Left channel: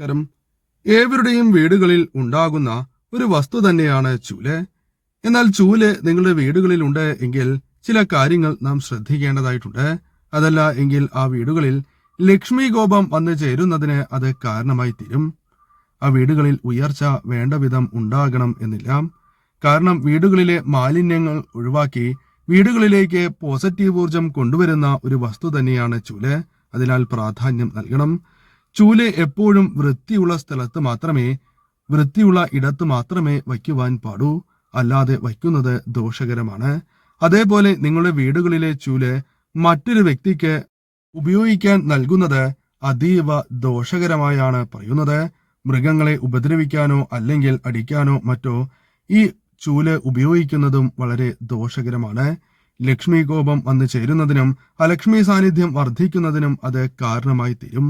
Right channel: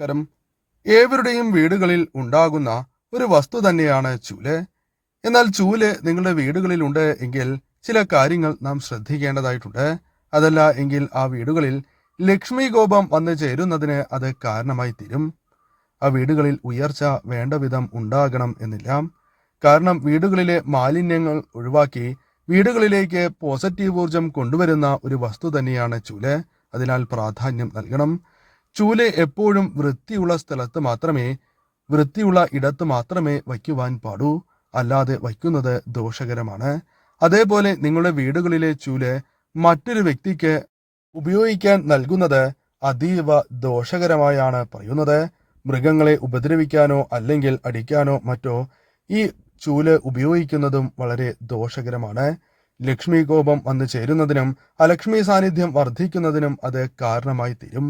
നമസ്കാരം. ഏവരുടെയും വീടുകളിൽ ഉണ്ടാകുന്ന ഒരു വസ്തു തന്നെയാണ് ചൂല്. എന്നാൽ ചൂല് നിങ്ങളുടെ വീടുകളിൽ ഉണ്ട് എങ്കിൽ ചില കാര്യങ്ങൾ നാം ശ്രദ്ധിക്കേണ്ടതായിട്ടുണ്ട്. അതല്ല എങ്കിൽ ആ വീടുകളിൽ ലക്ഷ്മി കോപം വന്നു ചേരുന്നതിന് അത് കാരണമായി തീരും. ആ വീടുകളിൽ ഉയർച്ച വേണ്ട വിധം ഉണ്ടാകണം എന്നില്ല. കാരണം വീടുകളിലെ മാലിന്യങ്ങൾ ഒഴിവാക്കി വീടുകളിലേക്ക് പോസിറ്റീവ് ഊർജം കൊണ്ടുവരുന്ന ഒരു വസ്തു തന്നെയാണ് ചൂല്. അതിനാൽ പ്രാധാന്യം നൽകണം. ചൂല് എപ്പോഴും വൃത്തിയുള്ള ഇടത്ത് മാത്രമേ വയ്ക്കുവാൻ പാടൂ. അല്ലാതെ വയ്ക്കുന്നത് ദോഷകരമാണ്. അതേപോലെ നിങ്ങളുടെ വീടുകളിലെ ചൂല് മറ്റൊരു വ്യക്തിക്ക് ഉപയോഗിക്കാൻ നൽകുന്നത് അതീവ ദോഷകരമായാണ് പറയുന്നത്. മൃഗങ്ങളെ ഉപദ്രവിക്കാനോ അല്ലെങ്കിൽ അടിക്കാനോ മറ്റോ ഈ ചൂല് ഉപയോഗിക്കുന്നതും വളരെ ദോഷകരമാണ്. ലക്ഷ്മി കോപം വന്നു ചേരുന്നതിനും അലക്ഷ്മി സാന്നിധ്യം വർദ്ധിക്കുന്നതിനും അത് കാരണമായി തീരും.